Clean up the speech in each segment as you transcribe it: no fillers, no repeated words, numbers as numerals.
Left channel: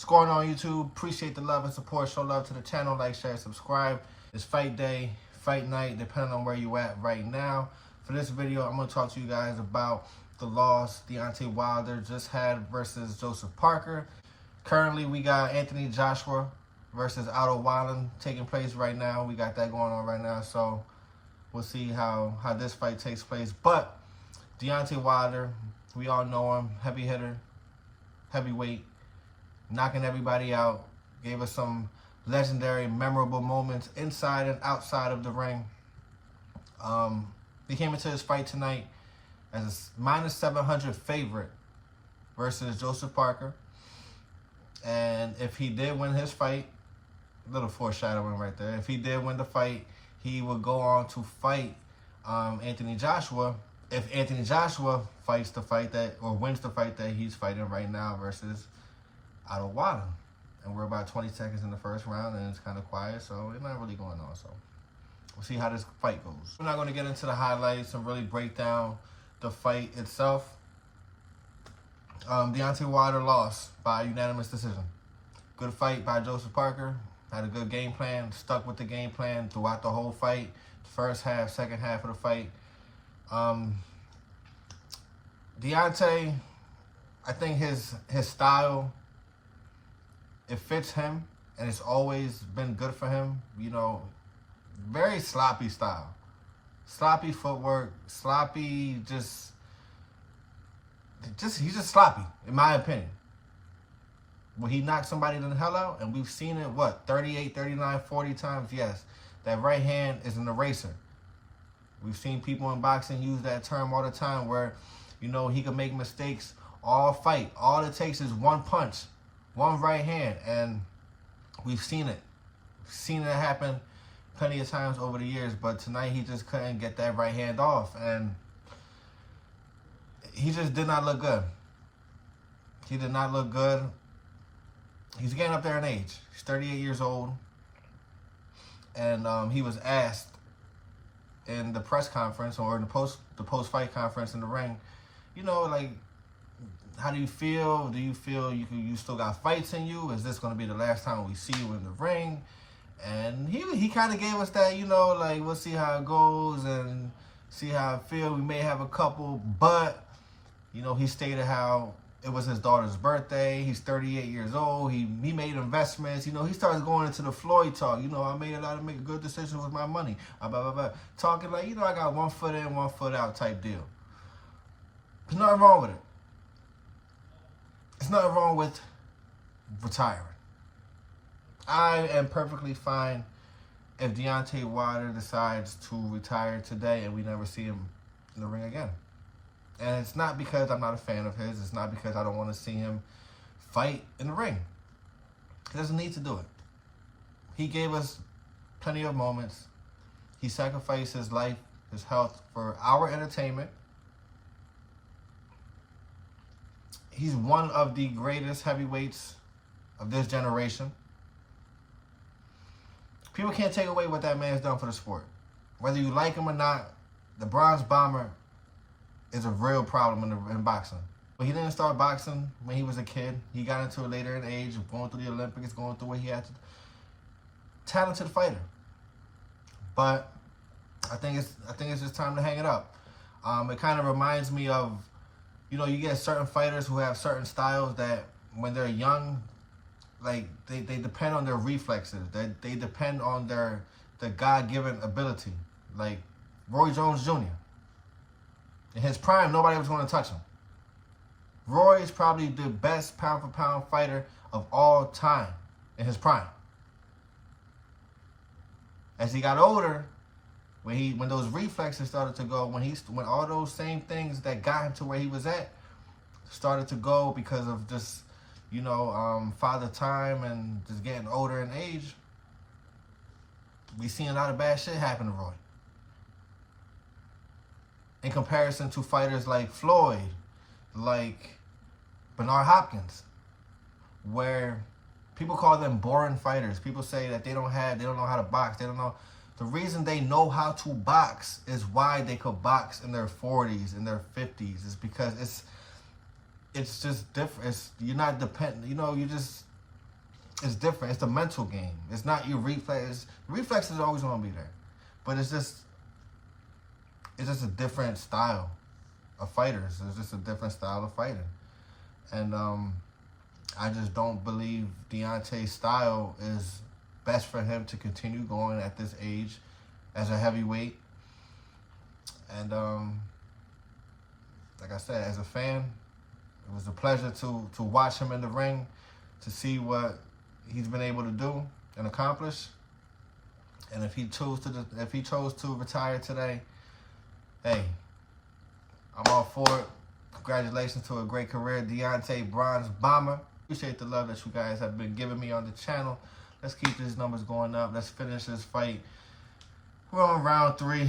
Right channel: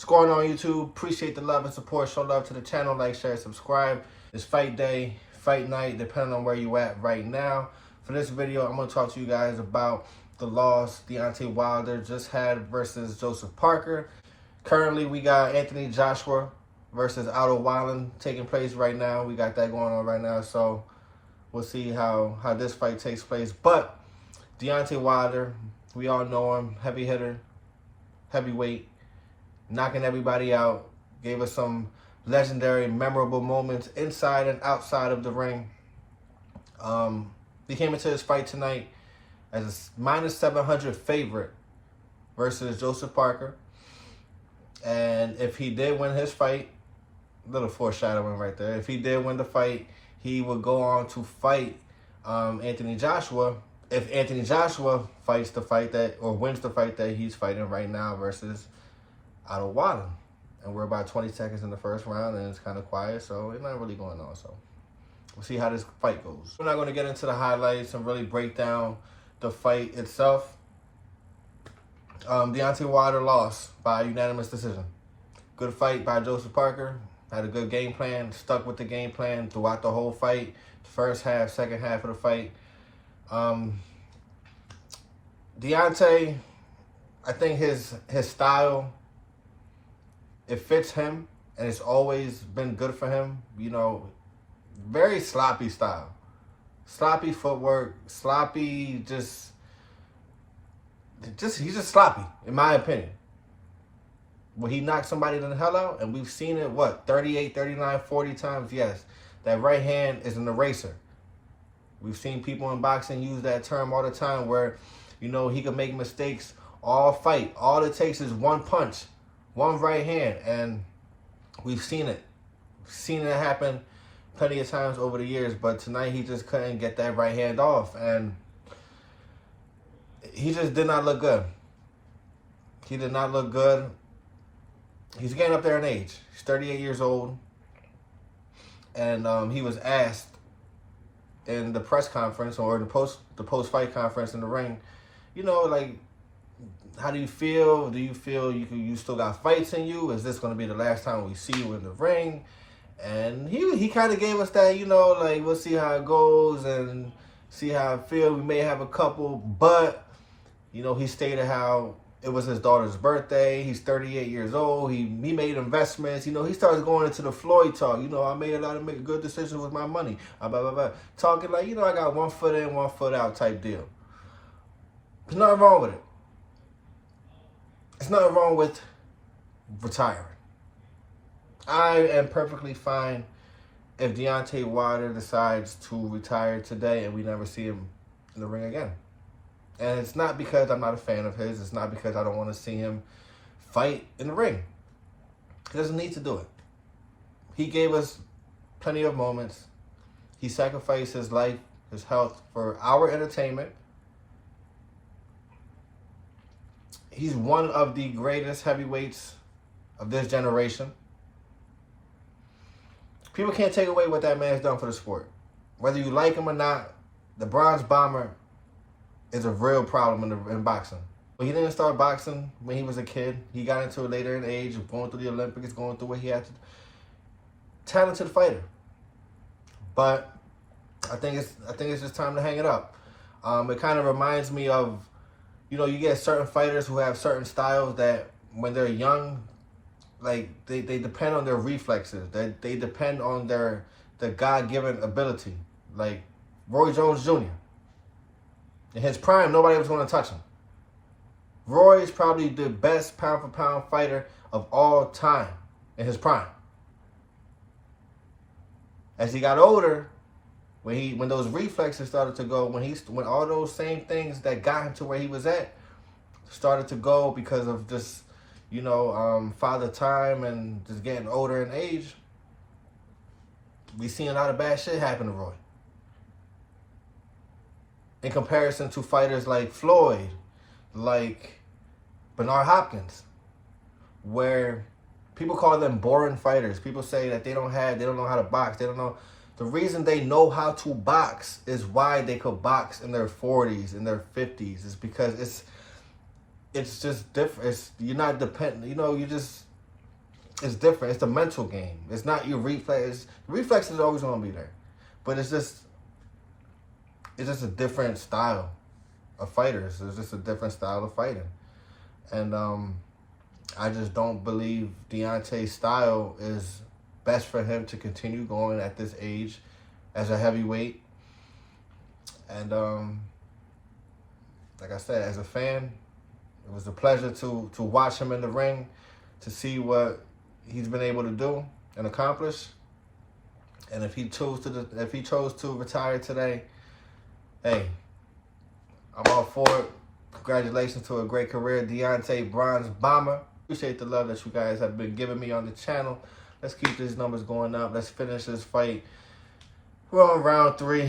What's going on, YouTube? Appreciate the love and support. Show love to the channel. Like, share, subscribe. It's fight day, fight night, depending on where you at right now. For this video, I'm going to talk to you guys about the loss Deontay Wilder just had versus Joseph Parker. Currently, we got Anthony Joshua versus Otto Wilder taking place right now. We got that going on right now, so we'll see how this fight takes place. But Deontay Wilder, we all know him, heavy hitter, heavyweight, knocking everybody out, gave us some legendary, memorable moments inside and outside of the ring. He came into this fight tonight as a -700 favorite versus Joseph Parker. And if he did win his fight, a little foreshadowing right there, if he did win the fight, he would go on to fight Anthony Joshua. If Anthony Joshua fights the fight that, or wins the fight that he's fighting right now versus Otto Wilder. And we're about 20 seconds in the first round, and it's kind of quiet, so it's not really going on. So we'll see how this fight goes. We're not going to get into the highlights and really break down the fight itself. Deontay Wilder lost by unanimous decision. Good fight by Joseph Parker. Had a good game plan, stuck with the game plan throughout the whole fight. First half, second half of the fight. Deontay, I think his style, it fits him, and it's always been good for him. You know, very sloppy style. Sloppy footwork, sloppy, he's just sloppy, in my opinion. When he knocks somebody the hell out, and we've seen it, what, 38, 39, 40 times? Yes, that right hand is an eraser. We've seen people in boxing use that term all the time where, you know, he can make mistakes all fight. All it takes is one punch, one right hand, and we've seen it. We've seen it happen plenty of times over the years, but tonight he just couldn't get that right hand off, and he just did not look good. He did not look good. He's getting up there in age. He's 38 years old, and he was asked in the press conference or the post-fight conference in the ring, you know, like, how do you feel? Do you feel you still got fights in you? Is this going to be the last time we see you in the ring? And he kind of gave us that, you know, like, we'll see how it goes and see how I feel. We may have a couple, but, you know, he stated how it was his daughter's birthday. He's 38 years old. He made investments. You know, he started going into the Floyd talk. You know, I made a lot of good decisions with my money. Blah, blah, blah. Talking like, you know, I got 1 foot in, 1 foot out type deal. There's nothing wrong with it. There's nothing wrong with retiring. I am perfectly fine if Deontay Wilder decides to retire today and we never see him in the ring again. And it's not because I'm not a fan of his. It's not because I don't want to see him fight in the ring. He doesn't need to do it. He gave us plenty of moments. He sacrificed his life, his health for our entertainment. He's one of the greatest heavyweights of this generation. People can't take away what that man's done for the sport. Whether you like him or not, the Bronze Bomber is a real problem in boxing. But he didn't start boxing when he was a kid. He got into it later in age, going through the Olympics, going through what he had to. Talented fighter. But I think it's just time to hang it up. It kind of reminds me of, you know, you get certain fighters who have certain styles that when they're young, like they depend on their reflexes. They depend on the God-given ability. Like Roy Jones Jr. In his prime, nobody was going to touch him. Roy is probably the best pound-for-pound fighter of all time in his prime. As he got older, when those reflexes started to go, when all those same things that got him to where he was at started to go because of just, you know, father time and just getting older in age, we seen a lot of bad shit happen to Roy. In comparison to fighters like Floyd, like Bernard Hopkins, where people call them boring fighters. People say that they don't know how to box. They don't know. The reason they know how to box is why they could box in their 40s, in their 50s. Is because it's just different. You're not dependent. You know, it's different. It's the mental game. It's not your reflex. Reflex is always going to be there. But it's just a different style of fighters. It's just a different style of fighting. And I just don't believe Deontay's style is best for him to continue going at this age as a heavyweight. And like I said, as a fan, it was a pleasure to watch him in the ring, to see what he's been able to do and accomplish. And if he chose to retire today, hey, I'm all for it. Congratulations to a great career, Deontay Bronze Bomber. Appreciate the love that you guys have been giving me on the channel. Let's keep these numbers going up. Let's finish this fight. We're on round 3.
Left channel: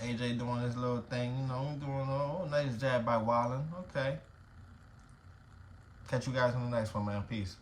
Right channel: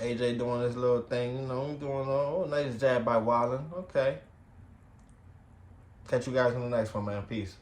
AJ doing this little thing, you know, doing a nice jab by Wilder. Okay. Catch you guys on the next one, man. Peace.